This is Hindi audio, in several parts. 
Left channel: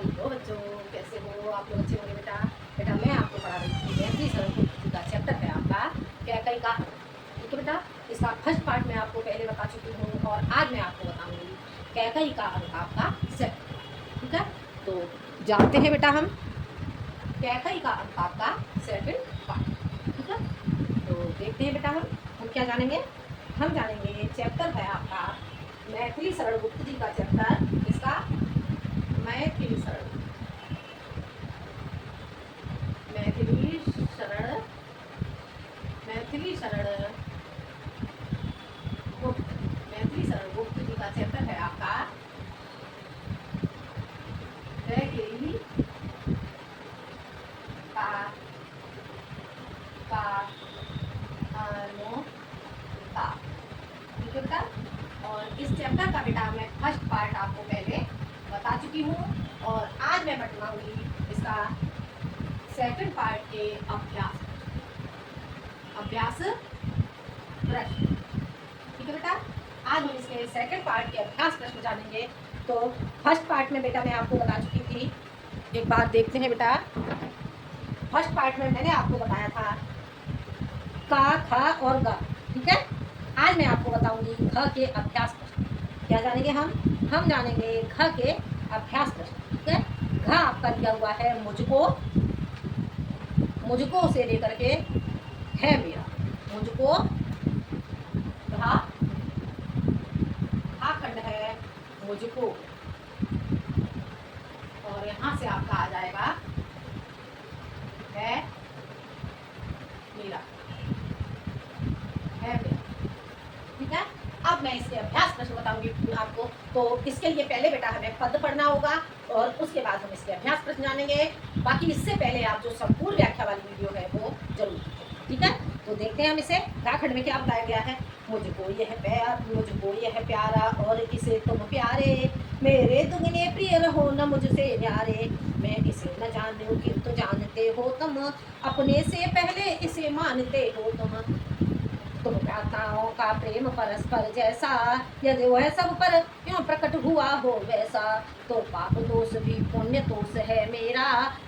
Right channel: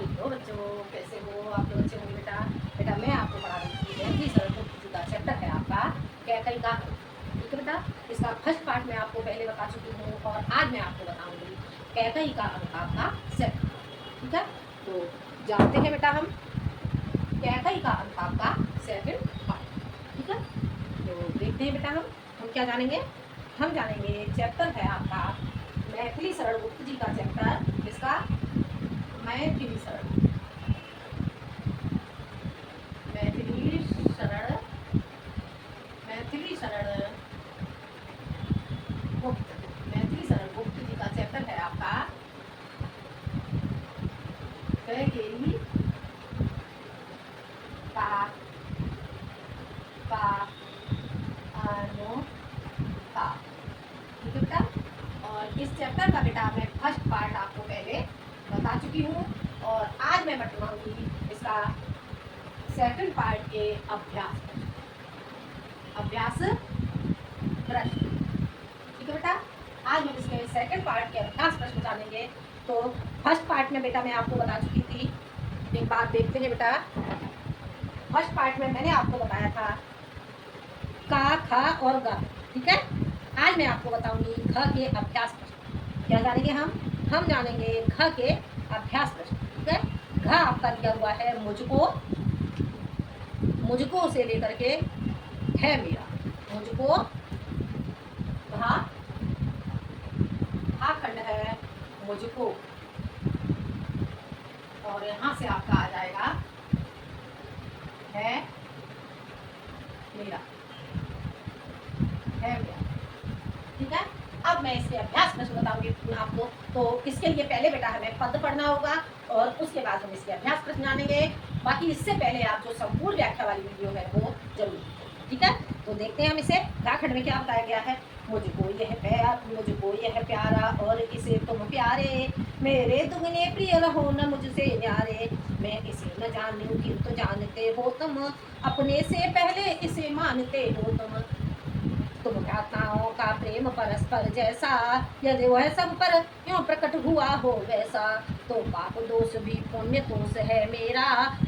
हेलो बच्चों, कैसे हो आप लोग? अच्छे होंगे बेटा। बेटा मैं आपको पढ़ा रही थी मैथिली सरल का चैप्टर है आपका कैकई का। ठीक है बेटा, इसका फर्स्ट पार्ट मैं आपको पहले बता चुकी हूँ और आज मैं आपको बताऊंगी कैकई का अंक आपका सेकंड। ठीक है, तो जानते हैं बेटा हम कैकई का अंक आपका सेकंड पार्ट। ठीक है, तो देखते हैं बेटा हम क्या जानेंगे। हम जानेंगे चैप्टर है आपका मैथिली सरल गुप्त जी का चैप्टर। इसका मैथिली सरल मैथिली सरल मैथिली सरल गुप्त मैथिली सरल गुप्त जी का चैप्टर है आपका कैकेयी का का अनुता। ठीक है बेटा, और इस चैप्टर का बेटा मैं फर्स्ट पार्ट आपको पहले बता चुकी हूँ और आज मैं बताऊंगी इसका सेकंड पार्ट के अभ्यास प्रश्न। ठीक है बेटा, आज हम इसके सेकंड पार्ट के अभ्यास प्रश्न जानेंगे। तो फर्स्ट पार्ट में बेटा मैं आपको बता चुकी थी, एक बात देखते हैं बेटा। फर्स्ट पार्ट में मैंने आपको बताया था का, ख और ग। ठीक है, आज मैं आपको बताऊंगी घ के अभ्यास प्रश्न। क्या जानेंगे हम जानेंगे घ के अभ्यास प्रश्न। ठीक है, घ आपका दिया हुआ है मुझको से लेकर के है मेरा। मुझको खंड है मुझको, और यहाँ से आपका आ जाएगा है मेरा। ठीक है, अब मैं इसके अभ्यास प्रश्न बताऊंगी आपको। तो इसके लिए पहले बेटा हमें पद पढ़ना होगा और उसके बाद हम इसके अभ्यास प्रश्न जानेंगे। बाकी इससे पहले आप जो संपूर्ण व्याख्या वाली वीडियो है वो जरूर देखिए। ठीक है, तो देखते हैं हम इसे। खंड में क्या बताया गया है। मुझको यह प्यारा और इसे तुम प्यारे, मेरे दुगने प्रिय रहो न मुझसे न्यारे। मैं इसे न जानूं किंतु जानते हो तुम, अपने से पहले इसे मानते हो तुम भ्राताओं का प्रेम परस्पर जैसा, यदि वह सब पर क्यों प्रकट हुआ हो वैसा, तो पाप दोष भी पुण्य दोष है मेरा,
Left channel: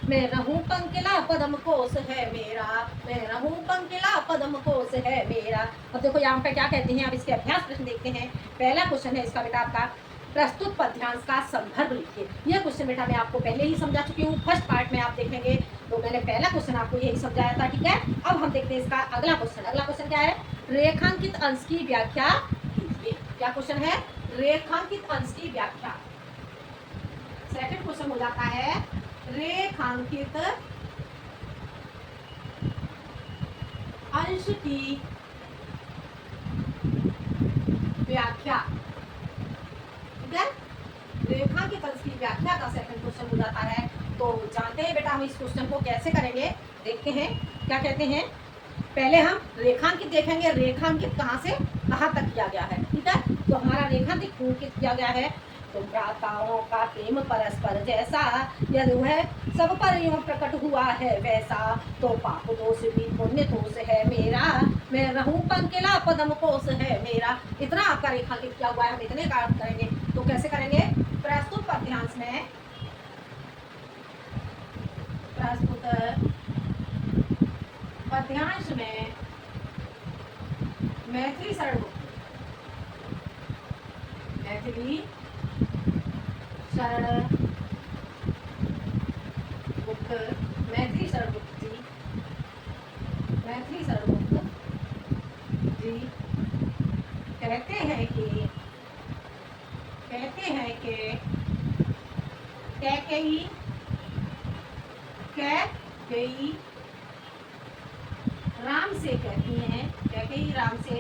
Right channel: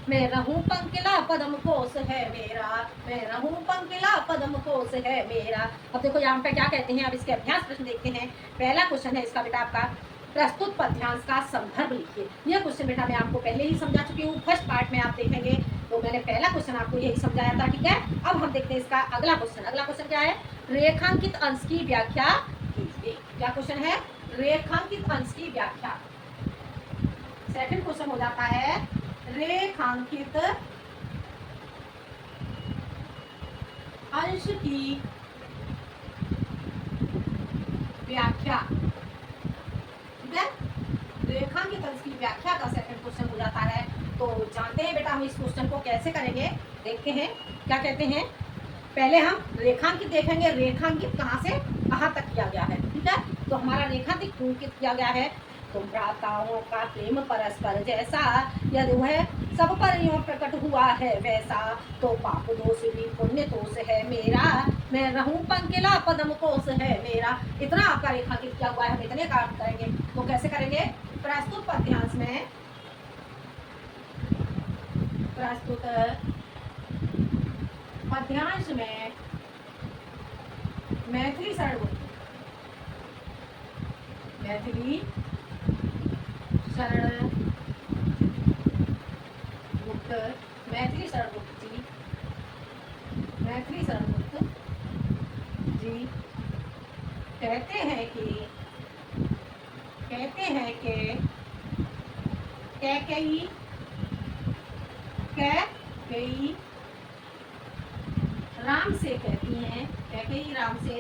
मैं रहूं पंकिला पदम कोश है मेरा, मैं रहूं पंकिला पदम कोश है मेरा। अब देखो यहाँ पे क्या कहते हैं, अब इसके अभ्यास प्रश्न देखते हैं। पहला क्वेश्चन है इसका बेटा आपका प्रस्तुत पद्यांश का संदर्भ लिखिए। यह क्वेश्चन बेटा मैं आपको पहले ही समझा चुकी हूँ, फर्स्ट पार्ट में आप देखेंगे तो मैंने पहला क्वेश्चन आपको यही समझाया था। ठीक है, अब हम देखते हैं इसका अगला क्वेश्चन। अगला क्वेश्चन क्या है, रेखांकित अंश की व्याख्या कीजिए। क्या क्वेश्चन है, रेखांकित अंश की व्याख्या। सेकंड क्वेश्चन हो जाता है रेखांकित अंश की व्याख्या। ठीक है, रेखांकित अंश की व्याख्या का सेकंड क्वेश्चन हो जाता है। तो जानते हैं बेटा हम इस क्वेश्चन को कैसे करेंगे। देखते हैं क्या कहते हैं। पहले हम रेखांकित देखेंगे, रेखांकित कहाँ से कहाँ तक किया गया है। ठीक है, तो हमारा रेखांकित किया गया है, तो भ्राताओं का प्रेम परस्पर जैसा, यदि वह सब पर यूं प्रकट हुआ है वैसा, तो पाप दोष भी पुण्य दोष है मेरा, मैं रहूं पंकिला पदम कोश है मेरा। इतना आपका रेखांकित किया हुआ है, हम इतने काम करेंगे। तो कैसे करेंगे, प्रस्तुत पद्यांश में मैथिली सरल गुप्त मैथिली सरल गुप्त जी कहते हैं कि कैकेयी राम से कहती हैं, कैकेयी राम से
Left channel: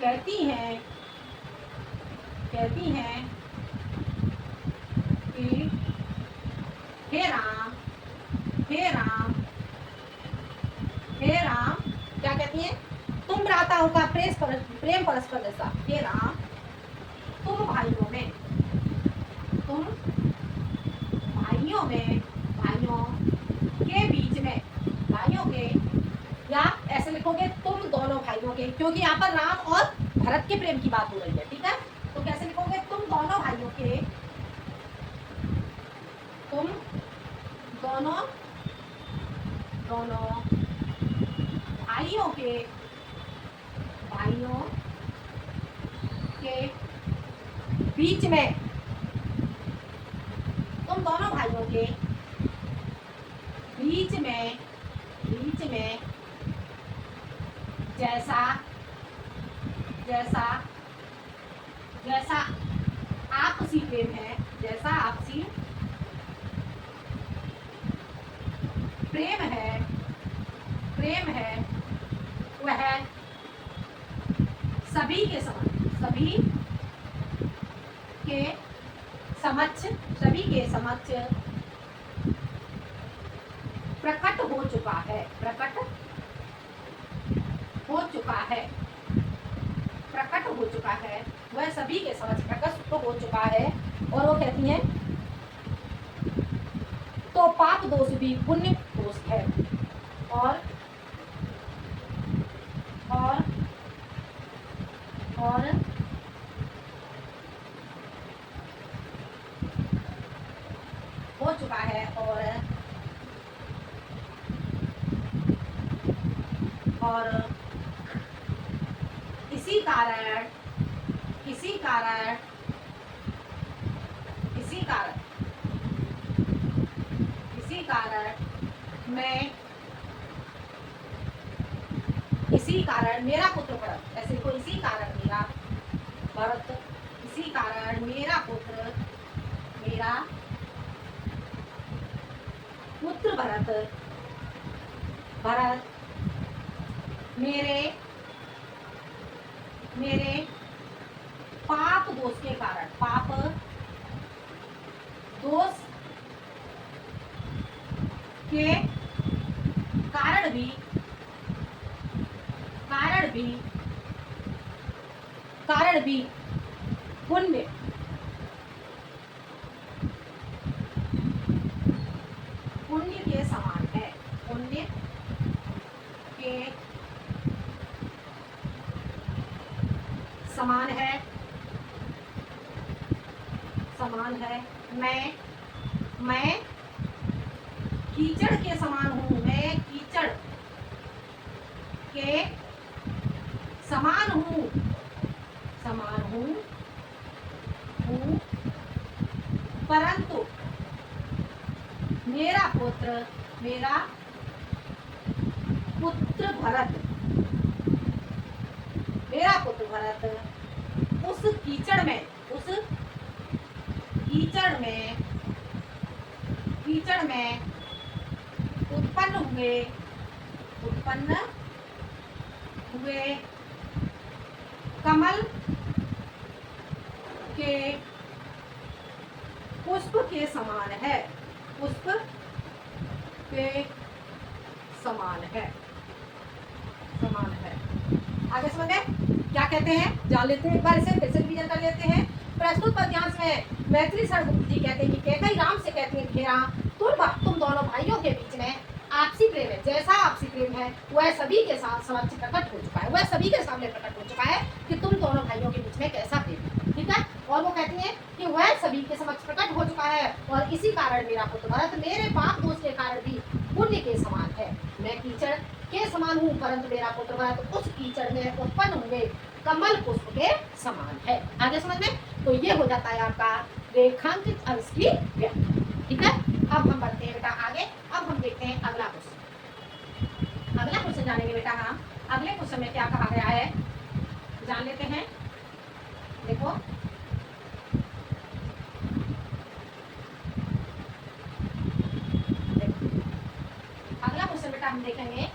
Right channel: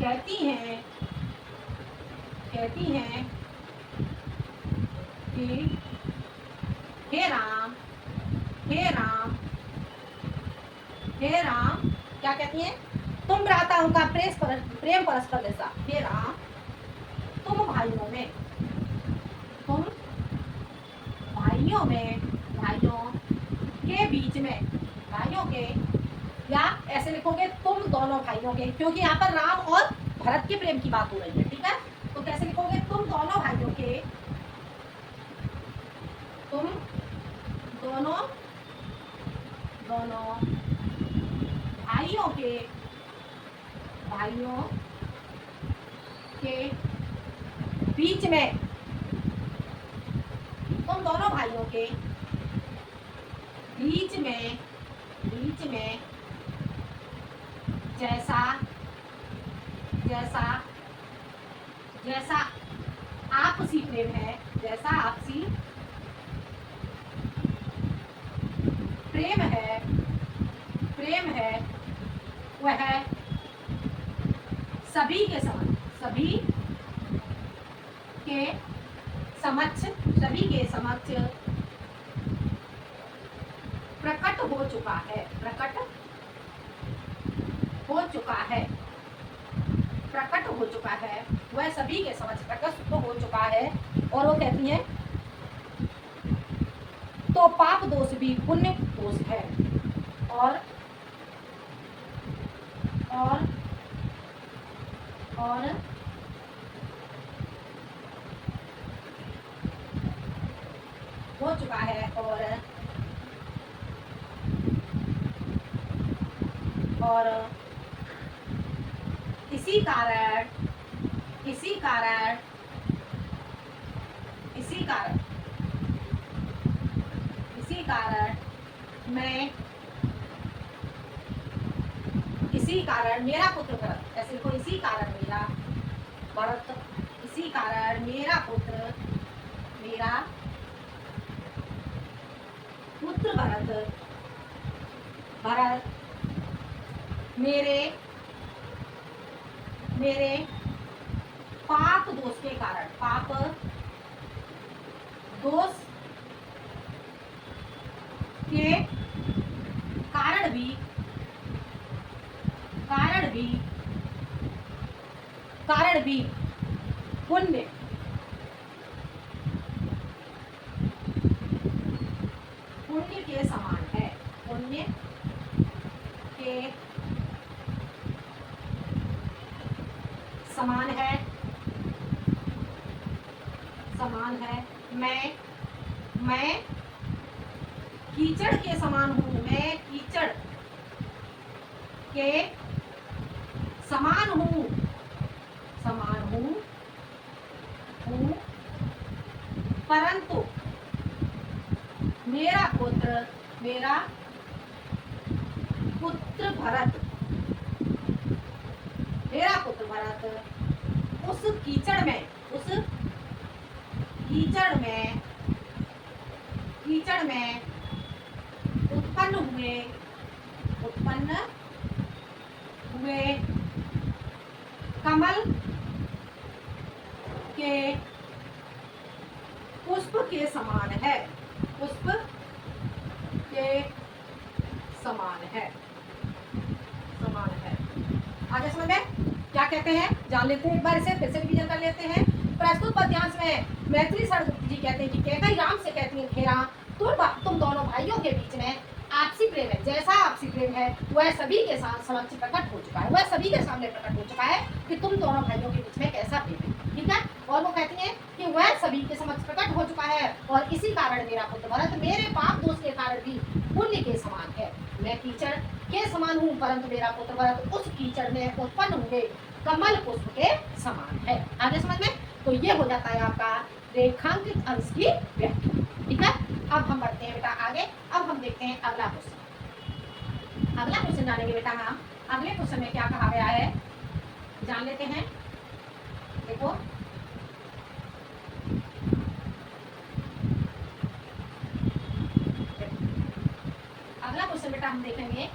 कहती हैं कि हे राम क्या कहती हैं, तुम भ्राताओं का प्रेम परस्पर जैसा। हे राम, तुम भाइयों के बीच में, भाइयों के, या ऐसे लिखोगे तुम दोनों भाइयों के, क्योंकि यहाँ पर राम और भरत के प्रेम की बात हो रही है। ठीक है, तो कैसे लिखोगे, तुम दोनों भाइयों के, तुम दोनों दोनों भाइयों के बीच में, तुम दोनों भाइयों के बीच में जैसा जैसा जैसा आपसी प्रेम है, जैसा आपसी प्रेम है वह सभी के समक्ष प्रकट हो चुका है, प्रकट हो चुका है, वह सभी के समक्ष प्रकट हो चुका है। और वो कहती हैं तो पाप दोष भी पुण्य दोष है, और हो चुका है, और इसी कारण मेरा पुत्र भरत, ऐसे को इसी कारण मेरा भरत, इसी कारण मेरा पुत्र भरत मेरे पाप दोष के कारण, पाप दोष के कारण भी पुण्य के समान है, पुण्य के समान है, मैं कीचड़ के समान हूँ, मैं कीचड़ के समान हूँ परंतु मेरा पुत्र भरत उस कीचड़ में उत्पन्न हुए कमल के पुष्प के समान है, आगे समझ में क्या कहते हैं जान लेते हैं, एक बार इसे फिर से रिवीजन कर लेते हैं। प्रस्तुत पद्यांश में मैथिली शरणगुप्त जी कहते हैं कि कैकई राम से कहती है घेरा तुम दोनों भाइयों के बीच में आपसी प्रेम है, जैसा आपसी प्रेम है वह सभी के साथ समक्ष प्रकट हो चुका है, वह सभी के सामने प्रकट हो चुका है कि तुम दोनों भाइयों के बीच में कैसा प्रेम है, ठीक है। और वो कहती हैं कि वह सभी के समक्ष प्रकट हो चुका है, और इसी कारण मेरा पुत्र भरत मेरे पाप दोष के कारण भी पुण्य के समान है, मैं कीचड़ के समान हूँ परंतु मेरा पुत्र भरत उस कीचड़ में उत्पन्न हुए कमल पुष्प के समान है। आगे समझ में, तो ये हो जाता है आपका रेखांकित अंश की व्याख्या, ठीक है। अब हम बढ़ते हैं बेटा आगे, अब हम देखते हैं अगला क्वेश्चन जानेंगे बेटा हम। अगले क्वेश्चन में क्या कहा गया है जान लेते हैं। देखो अगला क्वेश्चन बेटा हम देखेंगे,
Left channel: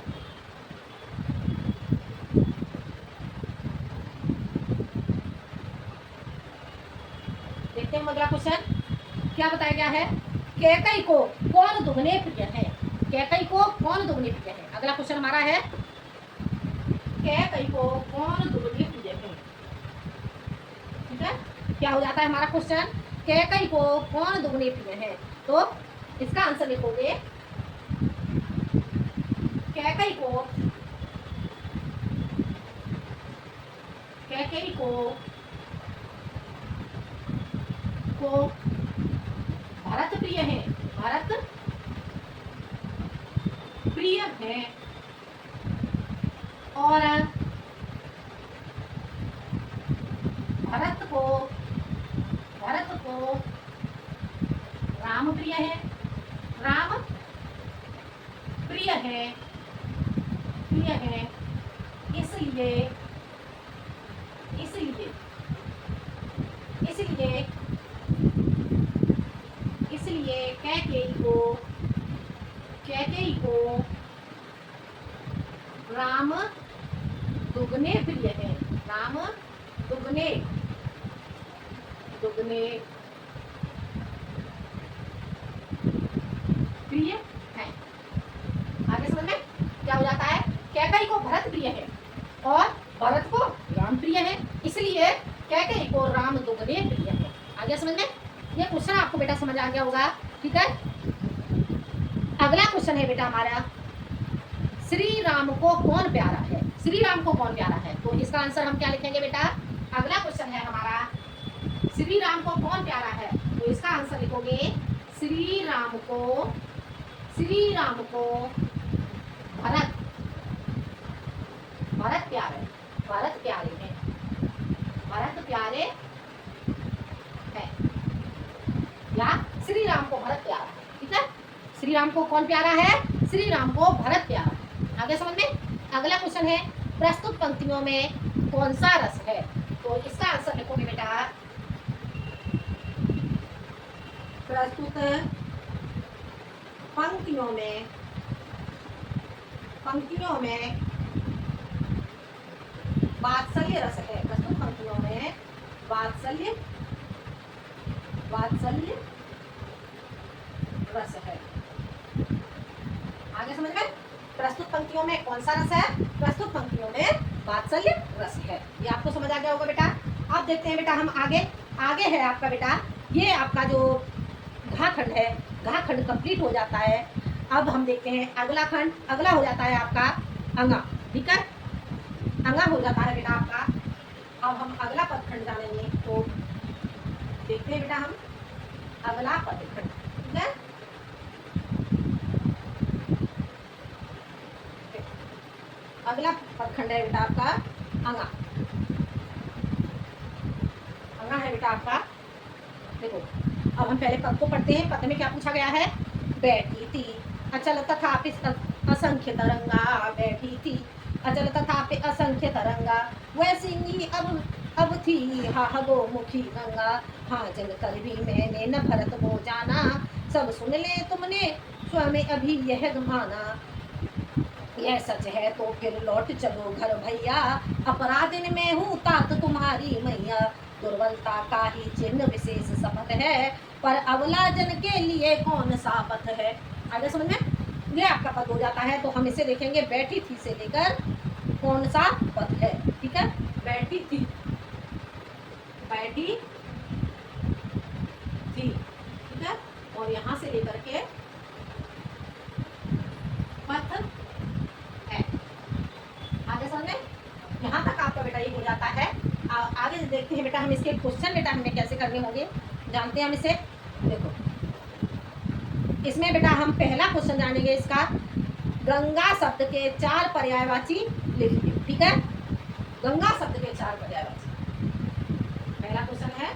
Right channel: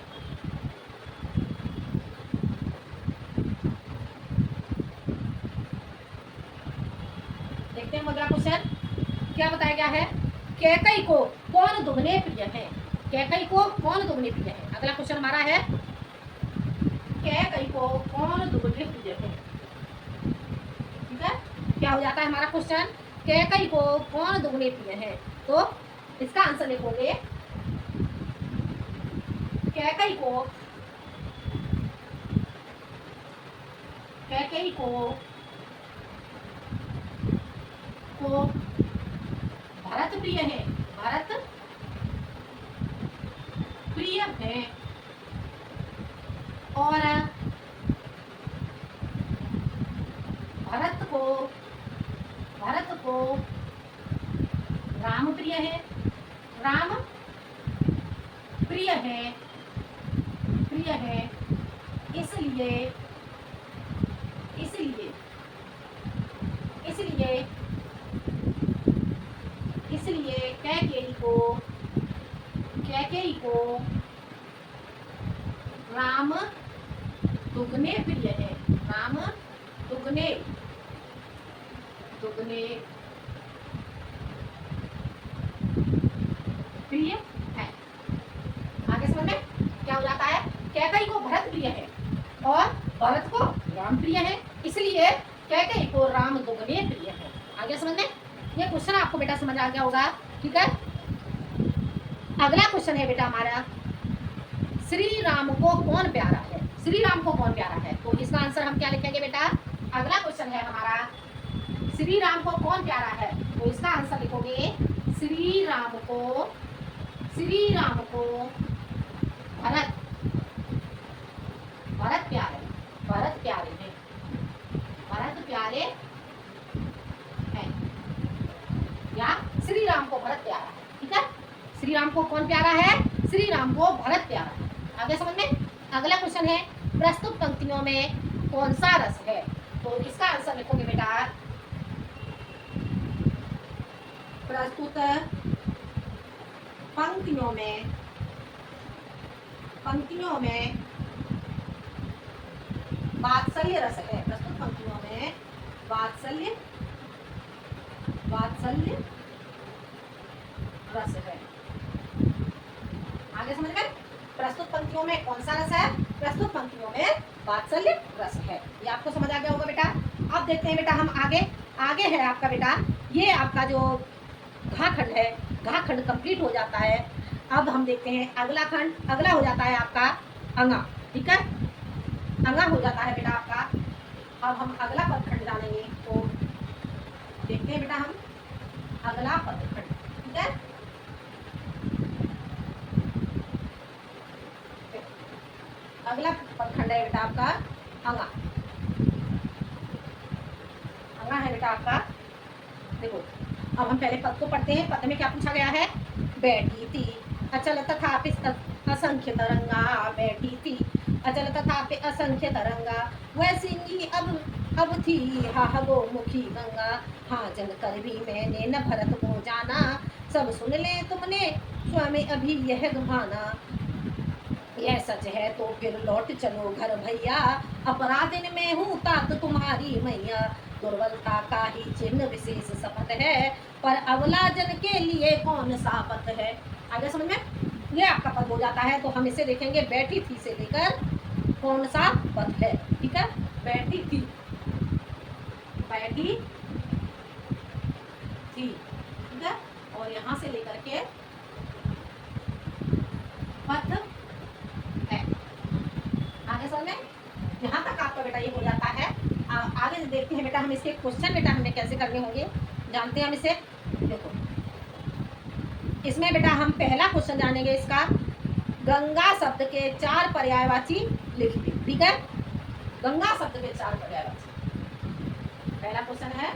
देखते हैं अगला क्वेश्चन क्या बताया गया है। कैकई को कौन दुगने प्रिय है, कैकई को कौन दुगने प्रिय है। अगला क्वेश्चन हमारा है कैकई को कौन दुगने प्रिय है, ठीक है। क्या हो जाता है हमारा क्वेश्चन, कैकई को कौन दुगने प्रिय है, तो इसका आंसर लिखोगे कैकई को को भरत प्रिय है, भरत प्रिय है, और भरत को राम प्रिय है, राम प्रिय है, प्रिय है, इसलिए इसलिए इसलिए इसलिए कैकेयी को राम दुगने प्रिय है, राम दुगने प्रिय है। आगे समझ में क्या हो जाता है? कैकेयी को भरत प्रिय है और भरत को राम प्रिय है, इसलिए कैकेयी को राम दुगने प्रिय है। आगे समझ में? ये क्वेश्चन आपको बेटा समझ आ गया होगा, ठीक है। अगला क्वेश्चन है बेटा हमारा, श्री राम को कौन प्यारा है? श्री राम को कौन प्यारा है? तो इसका आंसर हम क्या लिखेंगे बेटा? अगला क्वेश्चन है हमारा, श्री राम को कौन प्यारा है? तो इसका आंसर लिखोगे, श्री राम को भरत प्यारे, भरत प्यारे हैं, भरत प्यारे हैं, या श्री राम को भरत प्यारा है, ठीक है। श्री राम को कौन प्यारा है? श्री राम को भरत प्यारा है। आगे समझ में? अगला क्वेश्चन है, प्रस्तुत पंक्तियों में कौन सा रस है? तो इसका आंसर लिखोगे बेटा, प्रस्तुत पंक्तियों में वात्सल्य रस है। प्रस्तुत पंक्तियों में वात्सल्य रस है। आगे समझ में? प्रस्तुत पंक्तियों में कौन सा रस है? प्रस्तुत पंक्तियों में वात्सल्य रस है। ये आपको समझ आ गया होगा बेटा। अब देखते हैं बेटा हम आगे है आपका बेटा, ये आपका जो घा खंड है, घा खंड कंप्लीट हो जाता है। अब हम देखते हैं अगला खंड, अगला हो जाता है आपका अंगा, ठीक है। अंगा हो जाता है बेटा आपका। अब हम अगला पद खंड जानेंगे, तो देखते हैं बेटा हम अगला पद खंड, ठीक है। अगला पद खंड है बेटा आपका अंगा। अंगा है बेटा आपका, देखो अब हम पहले पद को पढ़ते हैं। पद में क्या पूछा गया है? बैठी थी अचल तथापि असंख्य तरंगा, बैठी थी अचल तथापि असंख्य तरंगा, वैसी ही अब थी हा गो मुखी गंगा, हाँ जल कर भी मैंने न भरत को जाना, सब सुन ले तुमने स्वयं अभी यह गमाना, यह सच है तो फिर लौट चलो घर भैया, अपराधिन में हूँ तात तुम्हारी मैया, दुर्बलता का ही चिन्ह विशेष शपथ है, पर अबला जन के लिए कौन सा पथ है। आगे समझ में? ये आपका पद हो जाता है। तो हम इसे देखेंगे, बैठी थी से लेकर कौन सा पद है, ठीक है। बैठी थी ठीक है, और यहाँ से लेकर के पथ है। आगे समझ में? यहाँ तक आपका बेटा ये हो जाता है। आगे देखते हैं बेटा हम इसके क्वेश्चन बेटा हमें कैसे करने होंगे, जानते हैं हम इसे। देखो इसमें बेटा हम पहला क्वेश्चन जानेंगे इसका, गंगा शब्द के 4 पर्यायवाची लिखिए, ठीक है। गंगा शब्द के 4 पर्यायवाची, पहला क्वेश्चन है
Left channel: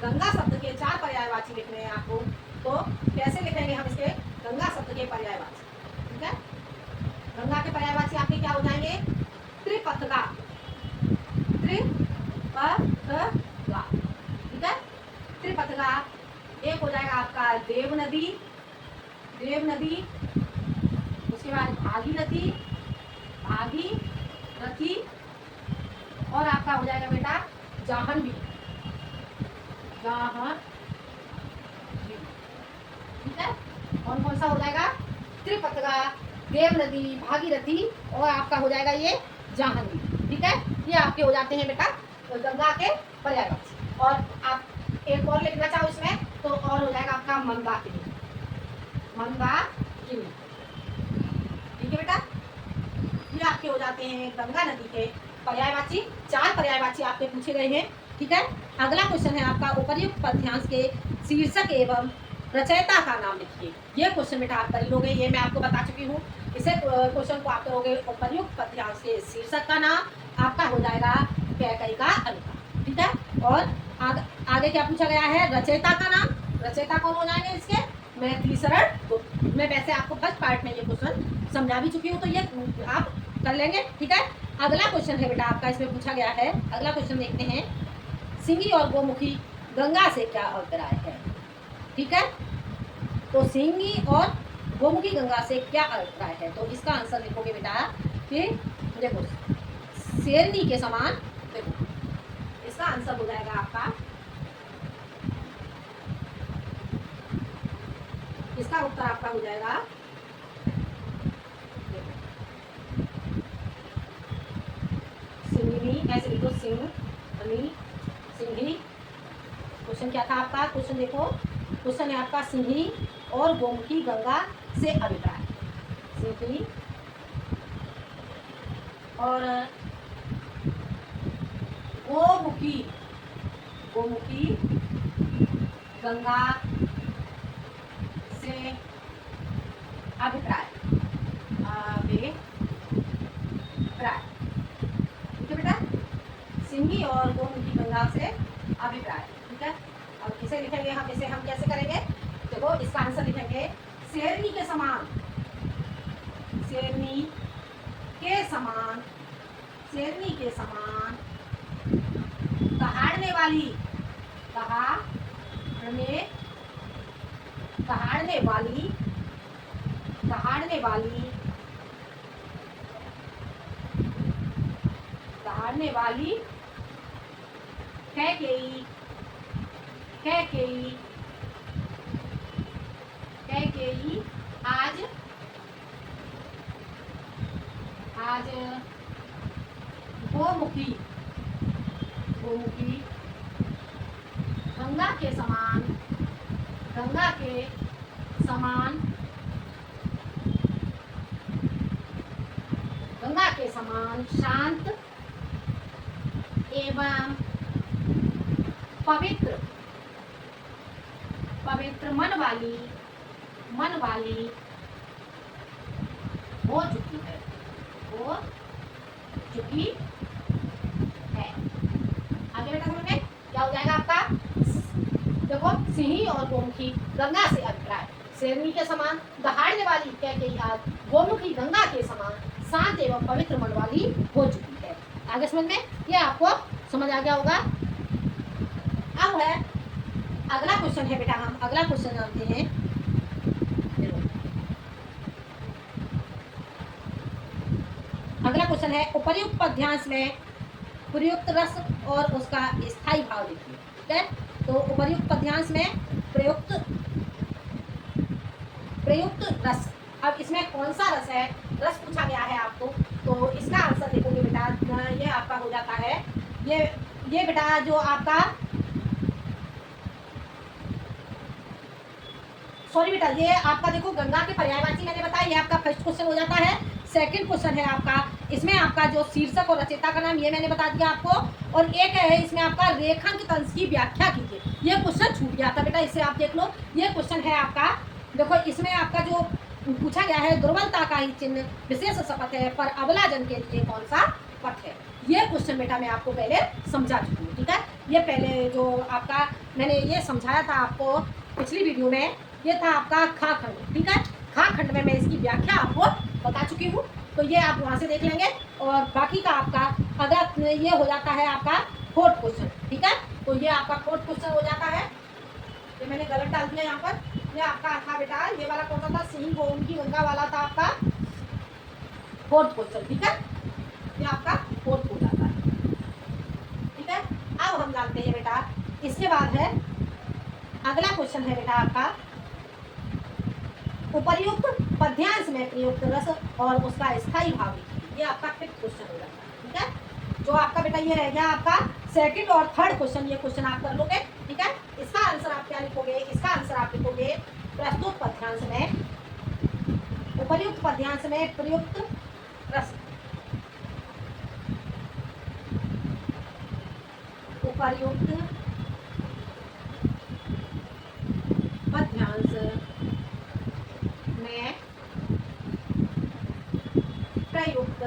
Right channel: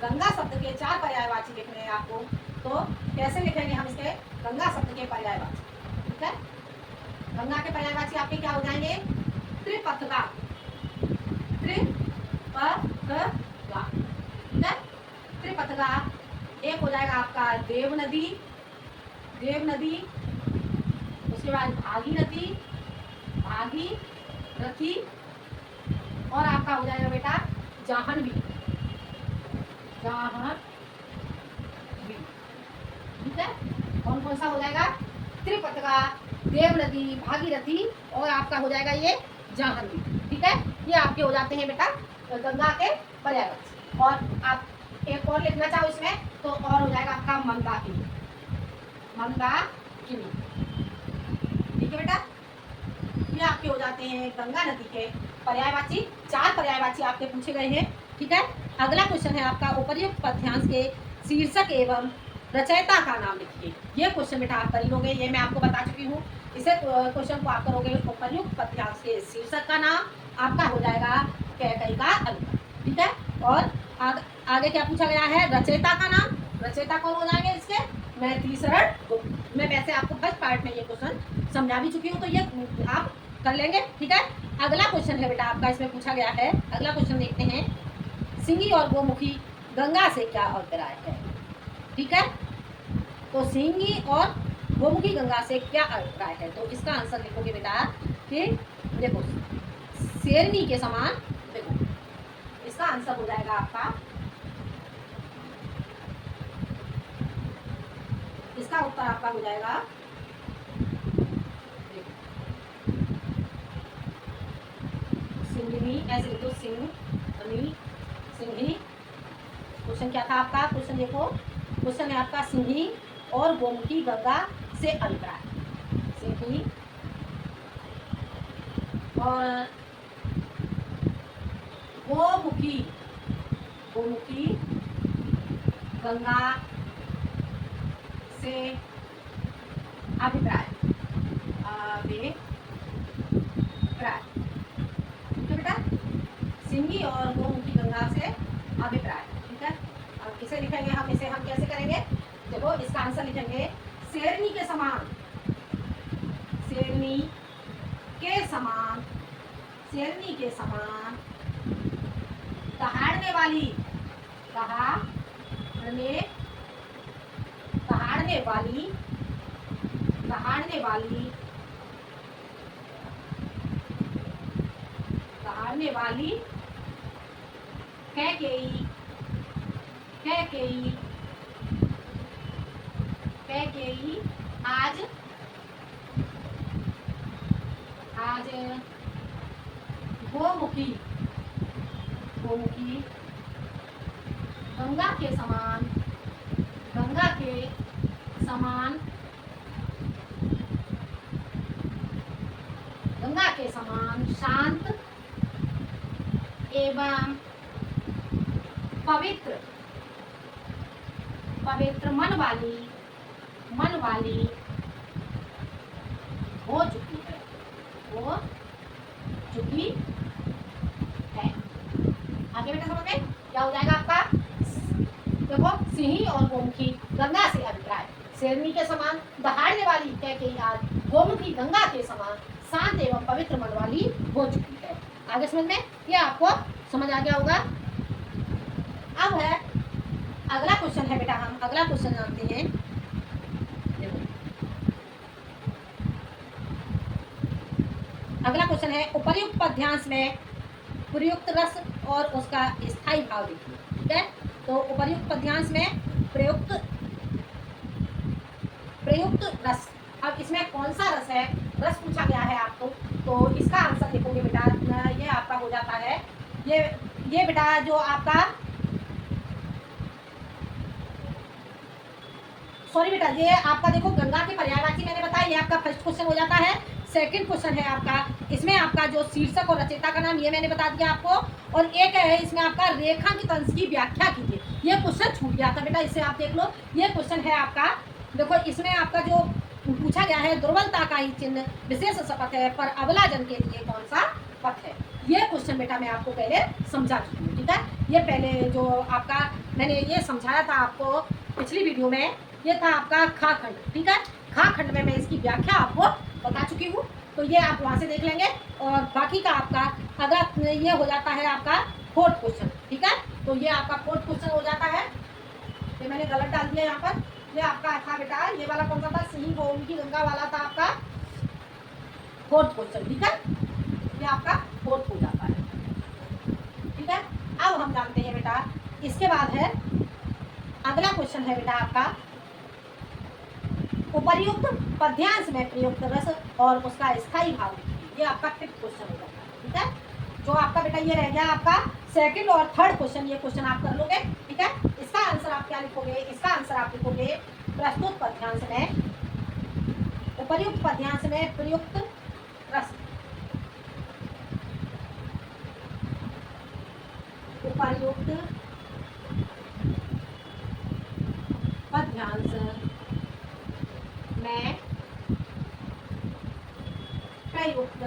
गंगा शब्द के 4 पर्यायवाची लिखने हैं आपको। तो कैसे लिखेंगे हम इसके गंगा शब्द के पर्यायवाची, ठीक है। गंगा के पर्यायवाची आपके क्या हो जाएंगे? त्रिपथगा, ठीक है। त्रिपथगा एक हो जाएगा आपका देव नदी, उसके बाद भागीरथी, और आपका हो जाएगा बेटा जाह्नवी, ठीक है। कौन कौन सा हो जाएगा? त्रिपथगा, देव नदी, भागीरथी, और आपका हो जाएगा ये जाह्नवी, ठीक है। ये आपके हो जाते हैं बेटा गंगा के पर्यायवाची। और आप एक और लिखना चाहो इसमें तो और हो जाएगा आपका मंदाकिनी, ठीक है बेटा। ये आपके हो जाते हैं गंगा नदी के पर्यायवाची। 4 पर्यायवाची आपके पूछे गए हैं। ठीक है। अगला क्वेश्चन है आपका उपर्युक्त पद्यांश के शीर्षक एवं रचयिता का नाम लिखिए। ये क्वेश्चन बेटा आप कर ही लोगे, ये मैं आपको बता चुकी हूँ। इसे क्वेश्चन को आप करोगे उपर्युक्त पद्यांश के शीर्षक का नाम आपका हो जाएगा कैकई का अनुवाद, ठीक है। और आगे क्या पूछा गया है, रचयिता का नाम, रचयिता कौन हो जाएंगे इसके, मैथिली शरण गुप्त। मैं वैसे आपको फर्स्ट पार्ट में ये क्वेश्चन समझा भी चुकी हूँ, तो ये आप कर लेंगे, ठीक है। अगला क्वेश्चन है बेटा आपका, इसमें पूछा गया है, अगला क्वेश्चन देखते हैं, सिंगी और गोमुखी गंगा से क्या अभिप्राय है, ठीक है। तो सिंगी और गोमुखी गंगा से क्या अभिप्राय है, तो इसका आंसर लिखोगे बेटा कि देखो शेरनी के समान, देखो इसका आंसर हो जाएगा आपका, इसका उत्तर आपका हो जाएगा सिंघनी, ऐसे लिखो सिंघनी, सिंघनी। क्वेश्चन क्या था आपका, क्वेश्चन देखो, क्वेश्चन है आपका सिंघनी और गोमुखी गंगा से अभिप्राय, सिंघनी और गोमुखी, गोमुखी गंगा से अभिप्राय, अभिप्राय, ठीक है बेटा, सिंगी और गोमुखी गंगा से अभिप्राय, ठीक है। अब इसे लिखेंगे हम, इसे हम कैसे करेंगे, देखो इसका आंसर लिखेंगे शेरनी के समान, शेरनी के समान, शेरनी के समान दहाड़ने वाली, दहाड़ने, दहाड़ने वाली, दहाड़ने वाली, दहाड़ने वाली कैकेयी, कैकेयी, कैकेयी आज, आज गोमुखी, गोमुखी गंगा के समान, गंगा के समान, गंगा के समान शांत एवं पवित्र, पवित्र मन वाली, मन वाली हो चुकी है, हो चुकी है। आगे बेटा समझ में क्या हो जाएगा आपका, देखो सिंही और गोमुखी गंगा से अभिप्राय, शेरनी के समान दहाड़ने वाली कैकेयी आज गोमुखी गंगा के समान शांत एवं पवित्र मन वाली हो चुकी है। आगे समझ में, ये आपको समझ आ गया होगा। अब है अगला क्वेश्चन है बेटा, हम अगला क्वेश्चन जानते हैं, देखो अगला क्वेश्चन है उपर्युक्त पद्यांश में प्रयुक्त रस और उसका स्थायी भाव लिखिए, ठीक है। तो उपर्युक्त पद्यांश में प्रयुक्त, प्रयुक्त रस, अब इसमें कौन सा रस है, रस पूछा गया है आपको, तो इसका आंसर देखोगे बेटा, ये आपका हो जाता है, ये बेटा जो आपका, सॉरी बेटा, ये आपका देखो गंगा के पर्यायवाची मैंने बताया, ये आपका फर्स्ट क्वेश्चन हो जाता है। सेकंड क्वेश्चन है आपका, इसमें आपका जो शीर्षक और रचयिता का नाम ये मैंने बता दिया आपको, और एक है इसमें आपका रेखांकित अंश की व्याख्या कीजिए। ये क्वेश्चन छूट गया था बेटा, इसे आप देख लो, ये क्वेश्चन है आपका, देखो इसमें आपका जो पूछा गया है, दुर्बलता का ही चिन्ह विशेष शपथ है पर अबला जन के लिए कौन सा पथ है। ये क्वेश्चन बेटा मैं आपको पहले समझा चुकी हूँ, ठीक है। ये पहले जो आपका मैंने ये समझाया था आपको पिछली वीडियो में, ये था आपका खा खंड, ठीक है। खा खंड में मैं इसकी व्याख्या आपको बता चुकी हूँ, तो ये आप वहाँ से देख लेंगे। और बाकी का आपका अगला ये हो जाता है आपका फोर्थ क्वेश्चन, ठीक है। तो ये आपका फोर्थ क्वेश्चन हो जाता है, ये मैंने गलत डाल दिया यहाँ पर, ये आपका था बेटा, ये वाला कौन सा था, सिंह गोमुखी गंगा वाला था आपका फोर्थ क्वेश्चन, ठीक है। ये आपका फोर्थ हो जाता है, ठीक है। अब हम जानते हैं बेटा, इसके बाद है अगला क्वेश्चन है बेटा आपका उपर्युक्त पद्यांश में प्रयुक्त रस और उसका स्थायी भाव, ये आपका फिफ्थ क्वेश्चन हो जाता है, ठीक है। जो आपका बेटा ये रह गया आपका सेकंड और थर्ड क्वेश्चन, ये क्वेश्चन आप कर लोगे, ठीक है। इसका आंसर आप क्या लिखोगे, इसका आंसर आप लिखोगे प्रस्तुत पद्यांश में, उपर्युक्त पद्यांश में प्रयुक्त रस, प्रयुक्त पद्यांश में प्रयुक्त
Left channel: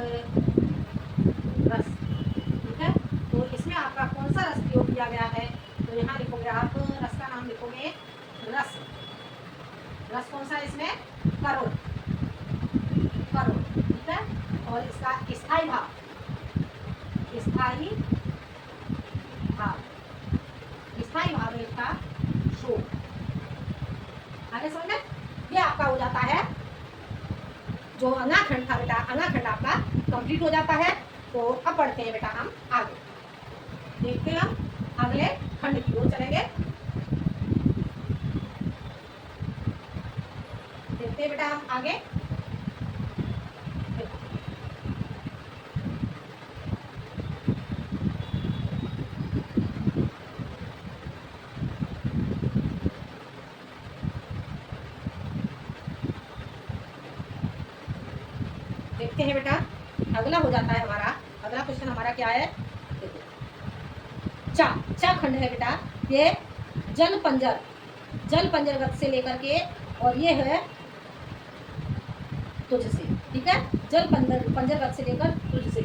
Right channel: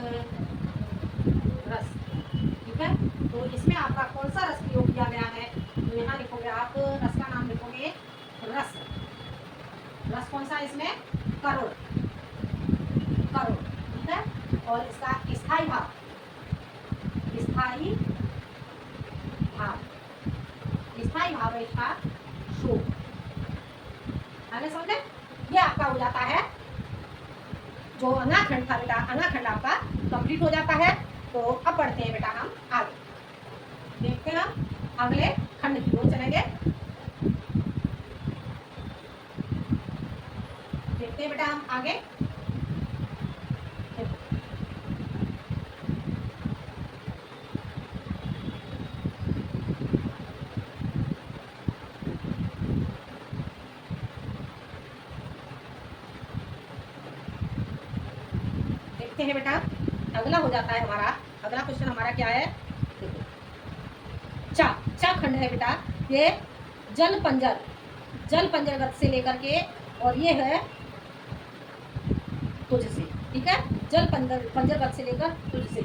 रस। ठीक है, तो इसमें आपका कौन सा रस प्रयोग किया गया है, तो यहाँ लिखोगे आप, रस का नाम लिखोगे रस। रस कौन सा है इसमें, करुण, करुण। ठीक है, और इसका स्थायी भाव, स्थायी भाव, स्थायी भाव है इसका शोक। आगे समझ में, ये आपका हो जाता है जो अनाखंड था बेटा, अनाखंड आपका कंप्लीट हो जाता है। तो अब बढ़ते हैं बेटा हम आगे, देखते हैं हम अगले खंड की ओर चलेंगे। देखते हैं बेटा हम आगे। देखते हैं बेटा, अगला हो जाता है हमारा, अगला क्वेश्चन हमारा क्या है, देखो चा, चा खंड है बेटा। ये जल पंजर, जल पंजर गत से लेकर के, और ये है तुझसे। ठीक है, जल पंजर, पंजर गत से लेकर तुझसे।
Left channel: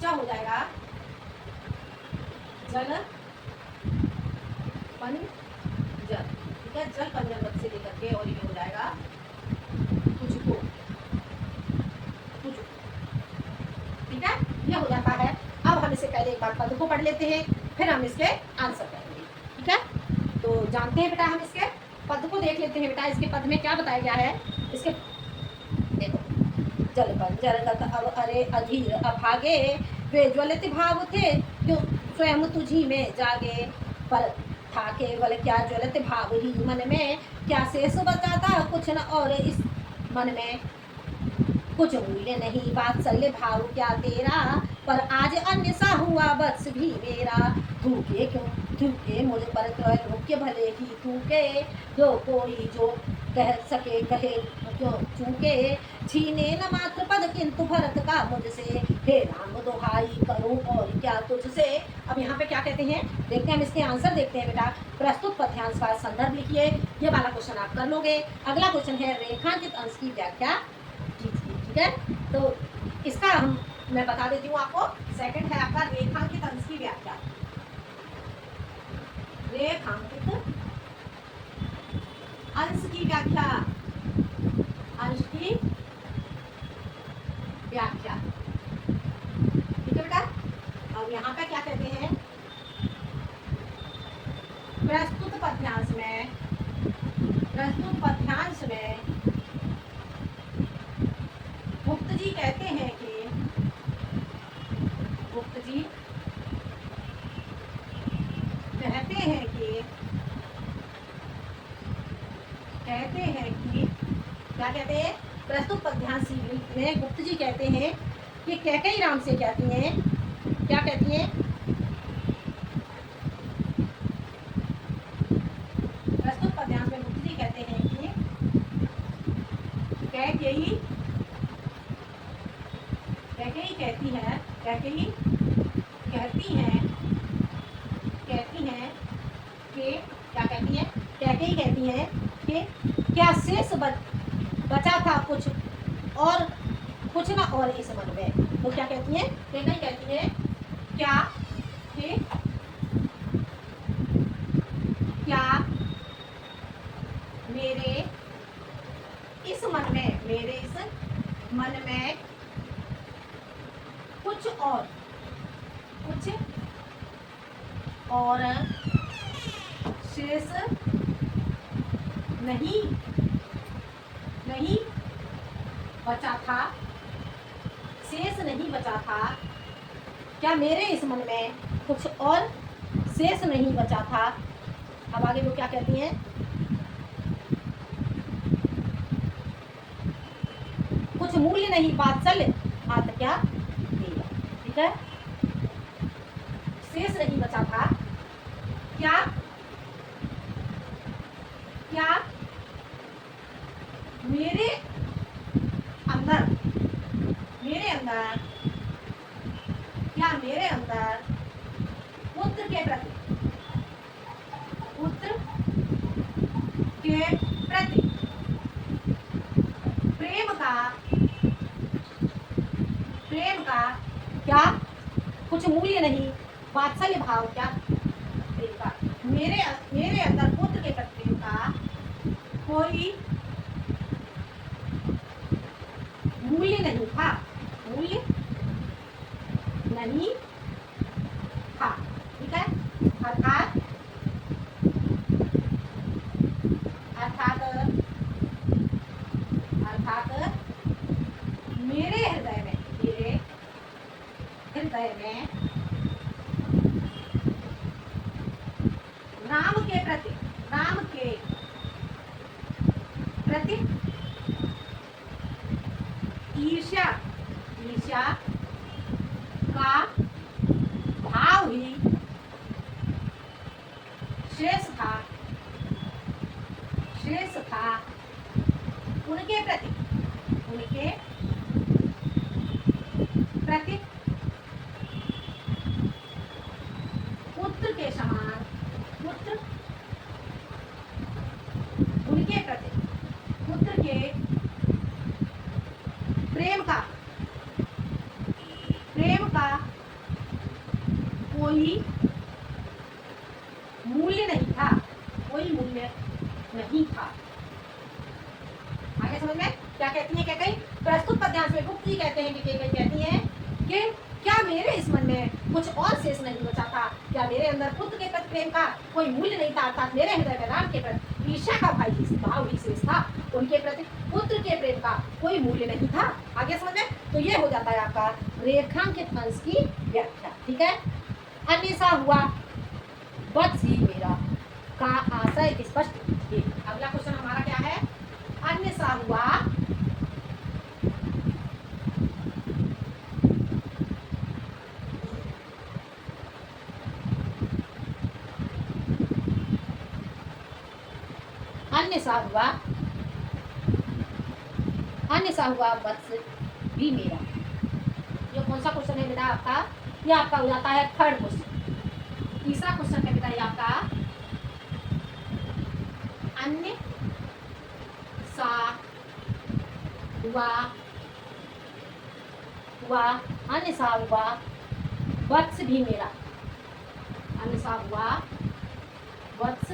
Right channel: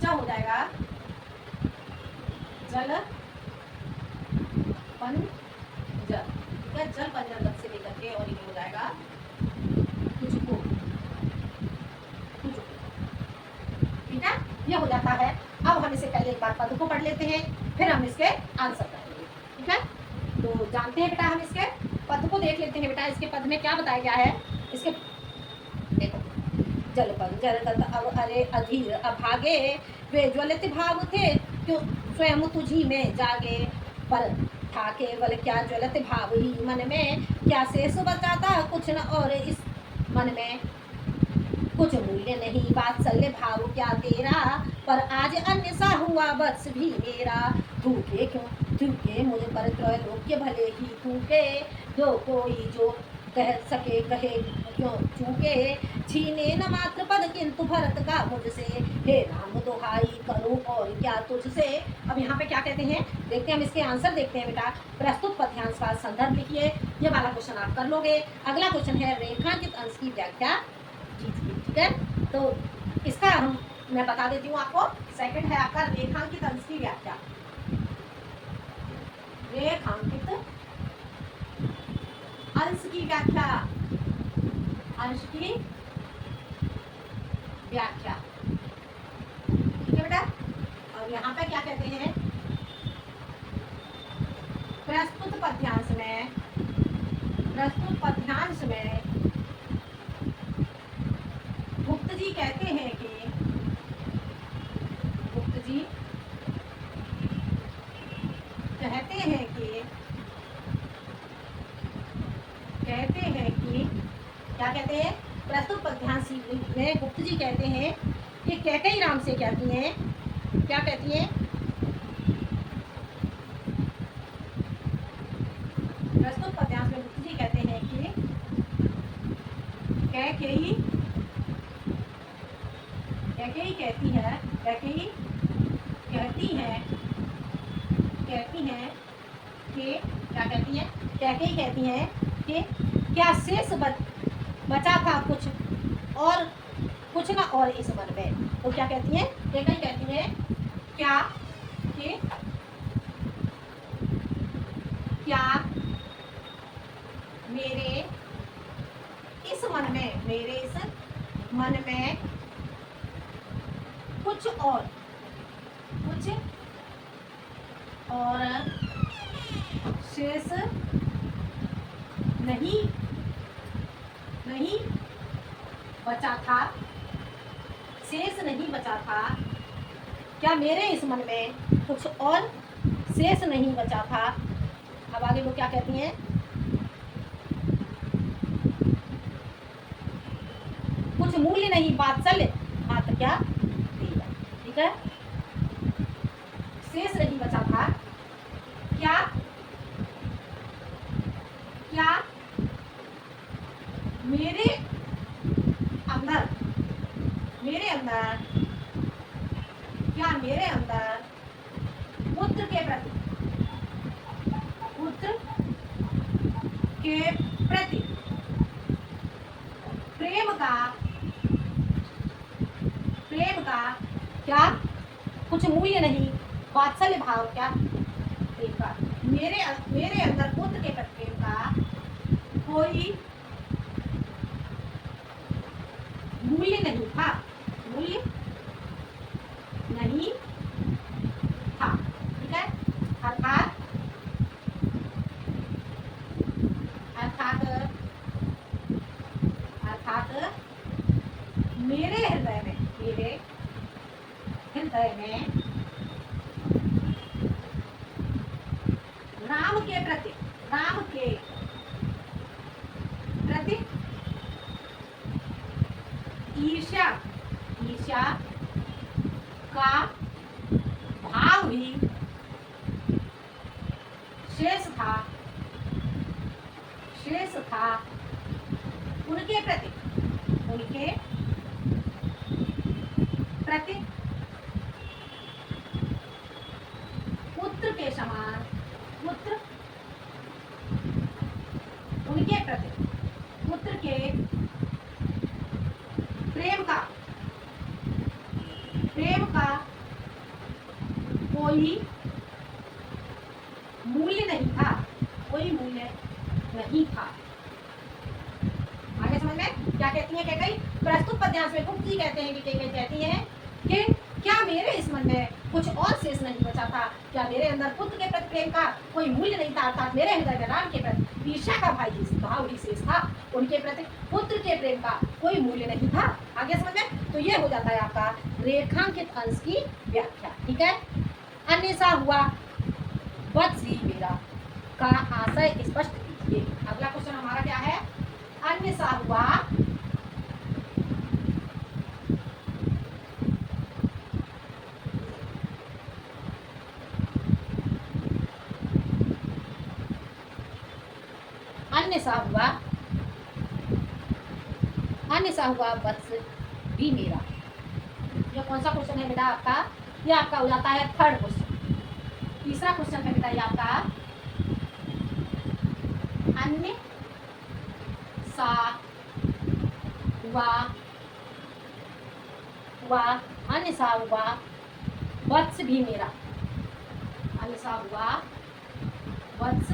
चा हो जाएगा जल पंजर। ठीक है, जल पंजर गत से लेकर के, और ये हो जाएगा तुझको, तुझको। ठीक है, ये हो जाता है। अब हम इसे पहले एक बार पद को पढ़ लेते हैं, फिर हम इसके आंसर करेंगे। ठीक है, तो जानते हैं बेटा हम इसके पद को देख लेते हैं बेटा। इसके पद में क्या बताया गया है, इसके देखो, जल पंजर गत अब अरे अधीर अभागे, वे ज्वलित भाव थे क्यों स्वयं तुझी में जागे। पर था केवल क्या ज्वलित भाव ही मन में, क्या शेष बचाता कुछ न और इस मन में। कुछ मूल्य नहीं वात्सल्य भाव क्या तेरा, पर आज अन्य सा हुआ वत्स भी मेरा। थूके क्यों थूके मुझ पर त्रैलोक्य भले ही थूके, जो कोई जो कह सके कहे क्यों चूके। छीने न मात्र पद किंतु भरत का मुझसे, हे राम दुहाई करूं और क्या तुझसे। अब यहाँ पे क्या कहते हैं, देखते हैं हम इसके आंसर देखते हैं बेटा। प्रस्तुत पद्यांश का संदर्भ लिखिए, ये वाला क्वेश्चन आप कर लोगे। अगला क्वेश्चन है रेखांकित अंश की व्याख्या कीजिए। ठीक है, तो इसका मैं बता देती हूँ आपको। सेकंड है आपका रेखांकित अंश की व्याख्या। रेखांकित अंश की व्याख्या, अंश की व्याख्या। ठीक है बेटा, और यहाँ पे क्या कहते हैं, प्रस्तुत पद्यांश में, प्रस्तुत पद्यांश में गुप्त जी कहते हैं कि, गुप्त जी कहते हैं कि, कहते हैं कि क्या कहते हैं, प्रस्तुत पद्यांश में गुप्त जी कहते हैं कि कैकेयी राम से कहती हैं, क्या कहती हैं, प्रस्तुत पद्यांश में गुप्त जी कहते हैं कि कैकेयी, कैकेयी कहती है, कैकेयी कहती हैं, कहती हैं कि क्या कहती हैं, कैकेयी कहती हैं कि क्या शेष बचा था कुछ और कुछ ना और इस मन में। तो क्या कहती हैं, कैकेयी कहती हैं क्या कि क्या मेरे इस मन में, मेरे इस मन में कुछ और, कुछ और शेष नहीं, नहीं बचा था, शेष नहीं बचा था। क्या मेरे इस मन में कुछ और शेष नहीं बचा था। अब आगे वो क्या कहती हैं, कुछ मूल्य नहीं वात्सल्य मात्र क्या तेरा। ठीक है, शेष नहीं बचा था, क्या क्या मेरे अंदर, मेरे अंदर क्या मेरे अंदर पुत्र के प्रति प्रेम का क्या कुछ मूल्य नहीं, वात्सल्य भाव क्या प्रेम का, मेरे अंदर पुत्र के प्रति प्रेम का कोई मूल्य नहीं था, मूल्य नहीं था। ठीक है, अर्थात अर्थात अर्थात मेरे हृदय में राम के प्रति ईर्ष्या का भाव ही शेष था उनके प्रति पुत्र के समान, उनके प्रति पुत्र के प्रेम का कोई मूल्य नहीं था, आगे समझ में क्या कहती है? क्या कही प्रस्तुत पद्यांश में गुप्त जी कहते हैं कि कई कहती हैं कि क्या मेरे इस मन में कुछ और शेष नहीं बचा था, क्या मेरे अंदर पुत्र के प्रति प्रेम का कोई मूल्य नहीं था, अर्थात मेरे हृदय में राम के प्रति ईर्ष्या का भाव ही शेष था, उनके प्रति पुत्र के प्रेम का कोई मूल्य नहीं था। आगे समझ में, तो ये हो जाता है आपका रेखांकित अंश की व्याख्या। ठीक है, अन्य सा हुआ वत्स ही मेरा का आशय स्पष्ट कीजिए। अगला क्वेश्चन हमारा क्या है? अन्य सा हुआ अन्य सा हुआ वत्स भी मेरा। ये कौन सा क्वेश्चन है बेटा आपका? ये आपका हो जाता है थर्ड क्वेश्चन। तीसरा क्वेश्चन है बेटा ये आपका अन्य सा हुआ अन्य सा हुआ वत्स भी मेरा। अन्य सा हुआ वत्स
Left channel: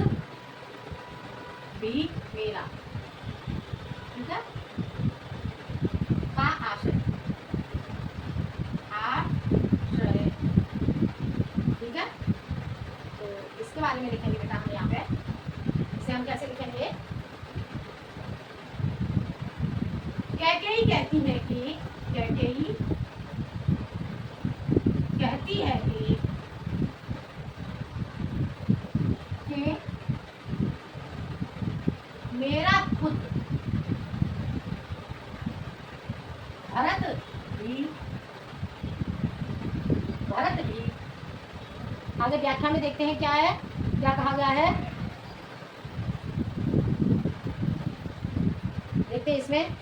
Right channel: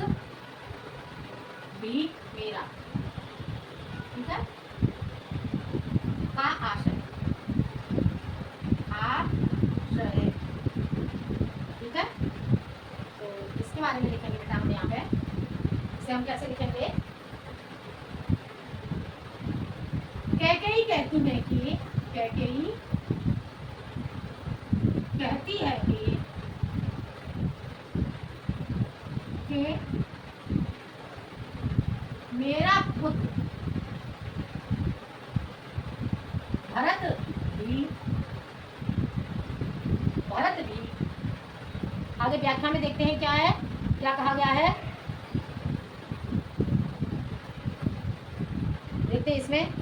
भी मेरा। ठीक है, का आशय ठीक है, तो इसके बारे में लिखेंगे बेटा हम यहाँ पे। इसे हम कैसे लिखेंगे? कैकेयी कहती है कि मेरा पुत्र भरत भी आगे व्याख्या में देखते हैं क्या है, क्या कहा गया है, देखते हैं इसमें।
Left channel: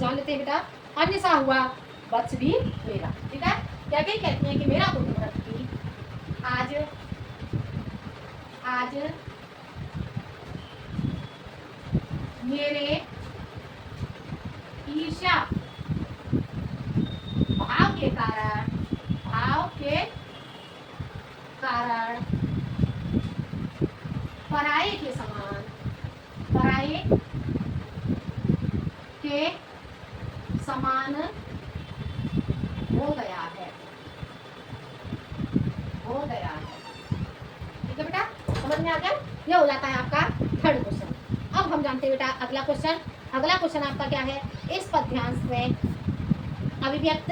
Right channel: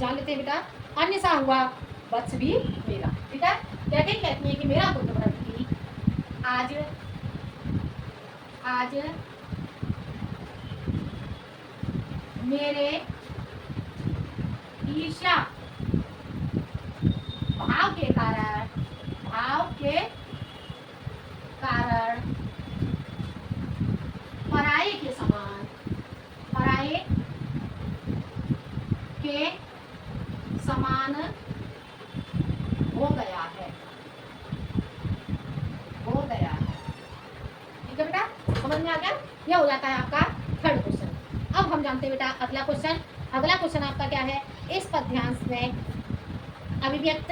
जान लेते हैं बेटा। अन्य सा हुआ वत्स भी मेरा। ठीक है, क्या कहती है कि मेरा पुत्र भरत भी आज मेरे ईर्ष्या भाव के कारण पराये के समान हो गया है। ठीक है बेटा, समझ में आ गया? यह हो जाता है आपका थर्ड क्वेश्चन। अब हम जानते हैं बेटा अगला क्वेश्चन आपका क्या है? इस पद्यांश में अभिव्यक्त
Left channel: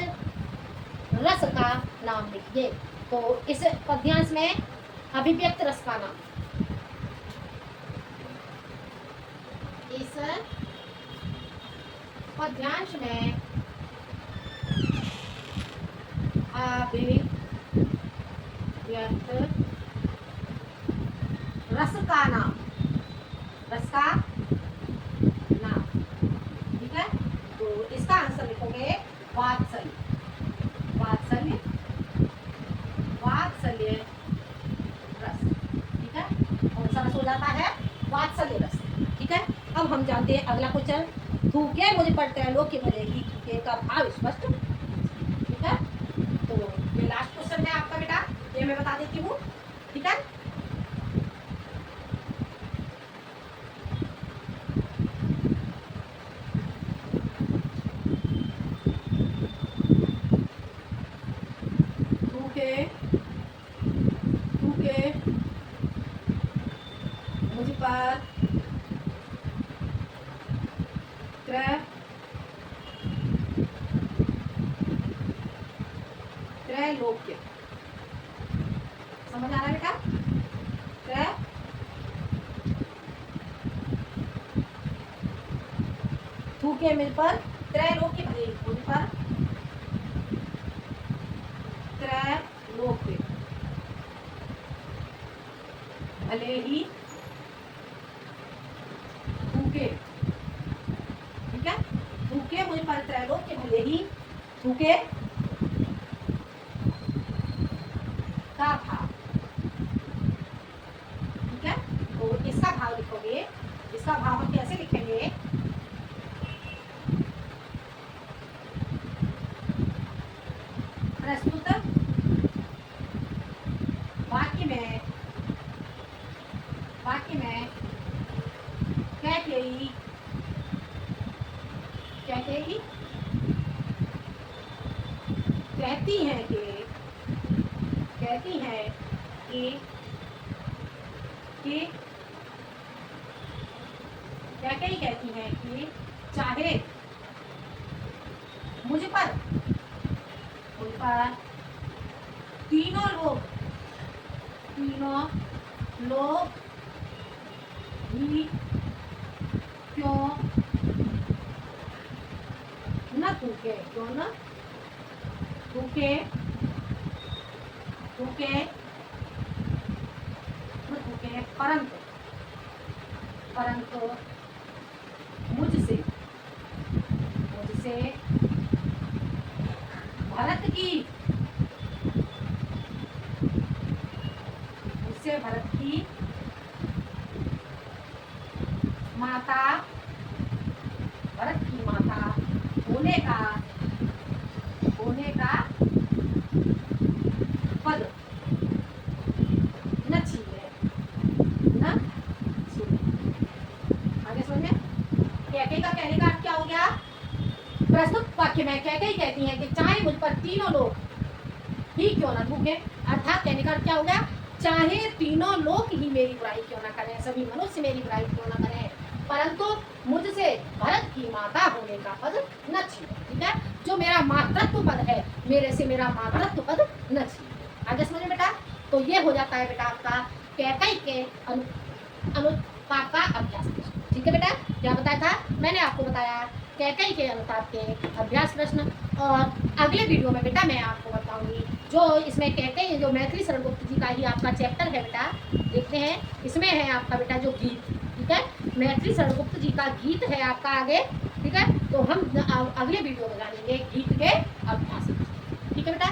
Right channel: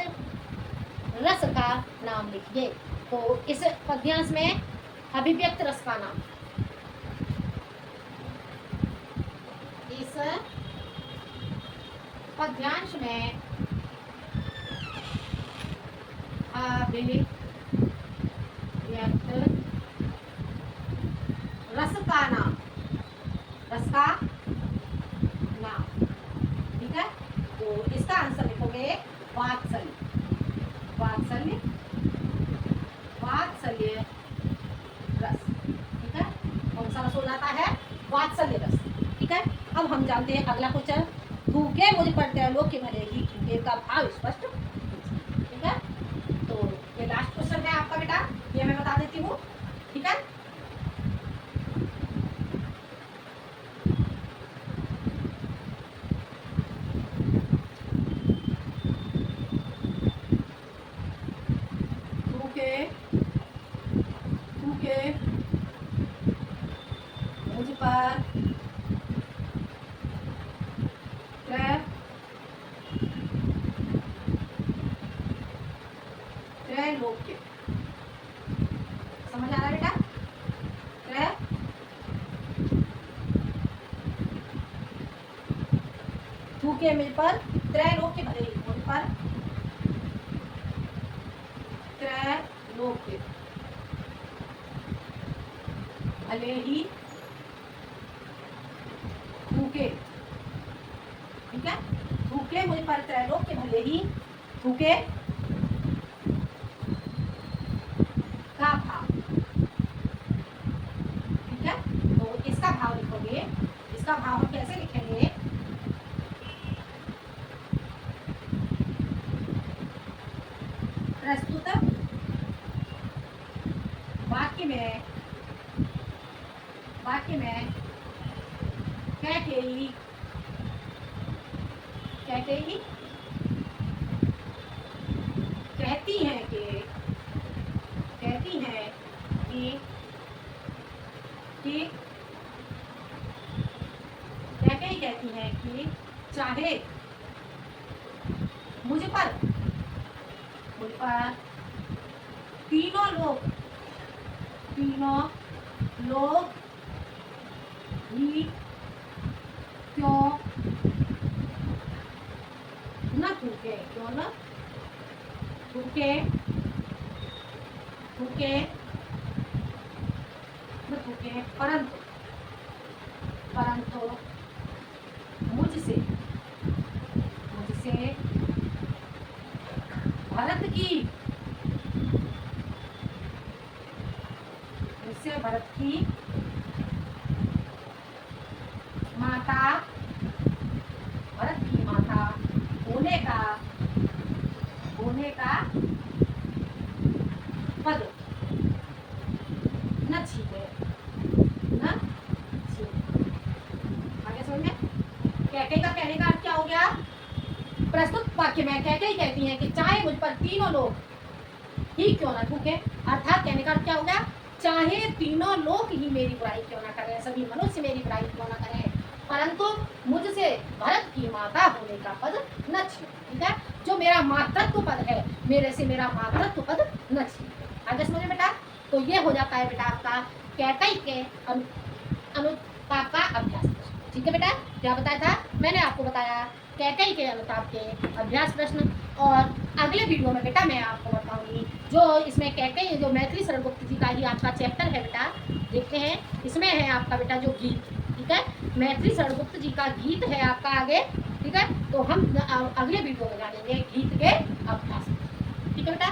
रस का नाम लिखिए। तो इस पद्यांश में अभिव्यक्त रस का नाम, इस पद्यांश में अभिव्यक्त रस का नाम, ठीक है। इसका आंसर लिखोगे वात्सल्य, वात्सल्य, वात्सल्य रस। ठीक है, कौन सा रस हो जाता है? वात्सल्य रस। ठीक है, अब हम जानते हैं अगला क्वेश्चन। थूके मुझ पर त्रैलोक्य भलेगी, थूके का भाव स्पष्ट। ठीक है, तो ये लास्ट क्वेश्चन है आपका बेटा, ये मैं बता देती हूँ। ठीक है, थूके थूके मुझ पर त्रैलोक्य, समझ आ रहा है बेटा? थूके मुझ पर त्रैलोक्य भलेगी, मुझ पर त्रैलोक्य भले ही थूके। ठीक है, थूके मुझ पर त्रैलोक्य भले ही, थूके का भाव। ठीक है, तो इसका भाव लिखोगे, इसका भाव हम कैसे लिखेंगे? प्रस्तुत वाक्य में कैकेयी कहती हैं कि कैकेयी कहती हैं कि चाहे मुझ पर तीनों लोग ही क्यों न थूके, क्यों न थूके, परंतु मुझसे भरत की माता होने का पद न छीने। आगे सुनिए, कैकेयी का कहने का अर्थ क्या हो गया? प्रस्तुत वाक्य में कैकेयी कहती हैं कि चाहे मुझ पर तीनों लोग ही क्यों ना थूके, अर्थात कहने का अर्थ क्या हो गया? चाहे तीनों लोग ही मेरी बुराई क्यों ना करें, सभी मनुष्य मेरी बुराई क्यों ना करें, परंतु मुझसे भरत की माता होने का पद न छीने। ठीक है, जो मेरा मातृत्व पद है, मेरे से मेरा मातृत्व पद न छीने। आगे समझे बेटा? तो ये हो जाता है बेटा आपका कैकेयी के अनुताप का अभ्यास। ठीक है बेटा, क्या बताया था मैंने आपको? बताया कैकेयी के अनुताप के अभ्यास प्रश्न। और अगले वीडियो में बेटा मैं आपको बताऊंगी जो इसमें कैकेयी, जो मैथिली शरण गुप्त जी का ही आपका चैप्टर है बेटा, देखते हैं इसमें है आपका बेटा जो गीत। ठीक है, मैथिली शरण गुप्त जी का गीत है आपका आगे। ठीक है, तो हम अगले वीडियो में जानेंगे गीत के अभ्यास। ठीक है बेटा,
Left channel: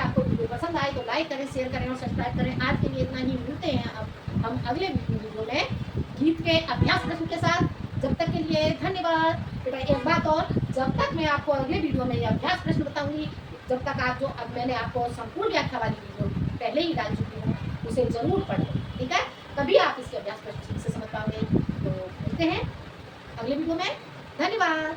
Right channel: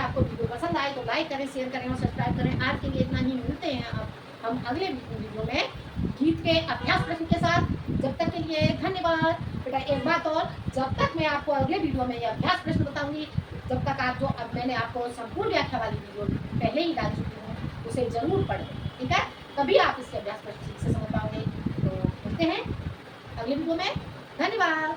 आपको वीडियो पसंद आए तो लाइक करें, शेयर करें और सब्सक्राइब करें। आज के लिए इतना ही, मिलते हैं अब हम अगले वीडियो में गीत के अभ्यास प्रश्न के साथ। जब तक के लिए धन्यवाद बेटा। एक बात और, जब तक मैं आपको अगले वीडियो में ये अभ्यास प्रश्न बताऊंगी, जब तक आप जो अब मैंने आपको संपूर्ण व्याख्या वाली वीडियो पहले ही डाल चुकी हूँ, उसे जरूर पढ़ें। ठीक है, तभी आप इसके अभ्यास प्रश्न ठीक से समझ पाओगे। तो मिलते हैं अगले वीडियो में। धन्यवाद।